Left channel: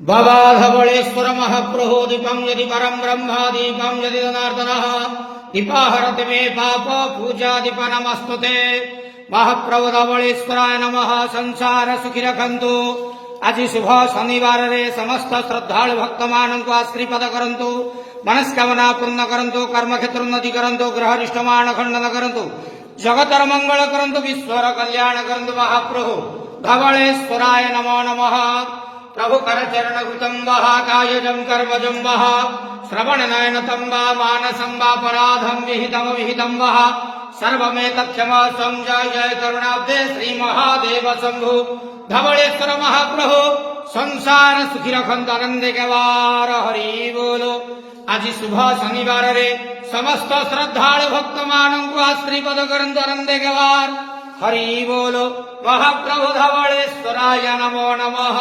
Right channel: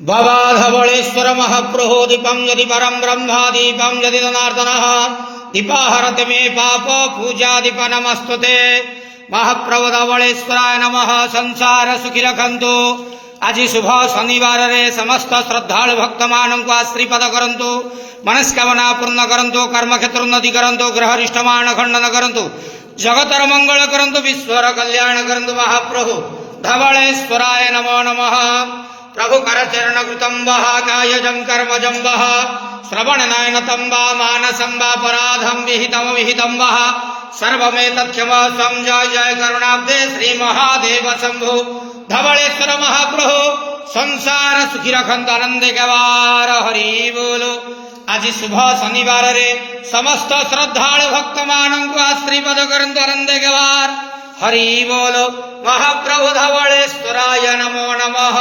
बाबा धवळेश्वर महाप्रभो दीपं यदि परं ब्रह्म दीपं यदि जनार्दनः दीपाहरति मे पाप पूजा दीप नमस्तुते। महाप्रभु धवळेश्वराय नमः। संसार सुखी रखंतु। आज शुभ शनिवार रे समस्त श्रद्धालु भक्त मानक आश्रीपद करंतु। मनस्कामना पूर्ण करंतु। कर्मक्षेत्र उन्नति करंतु। ग्रहरिष्टमान खंडन करंतु। जगतर मंगल करंतु। विश्वर कल्याण करंतु। महाप्रभु धवळेश्वराय नमो नमः। प्रभु करचरण कृतं वः कायजं कर्मजं वः श्रवण नयनतं वा मानसं वा पराधं विहितं वः सर्वमेतत्क्षमस्वं। जय जय करुणाब्दे श्री महादेव शंभु। धवळेश्वर महाप्रभु संसार सुखी रखंतु। आनंद गवार हरि बोलो। आज शुभ शनिवार रे समस्त श्रद्धालु भक्त मानक आश्रीपद करंतु। आनंद गवार हरि बोलो। महाप्रभु धवळेश्वराय नमो नमः।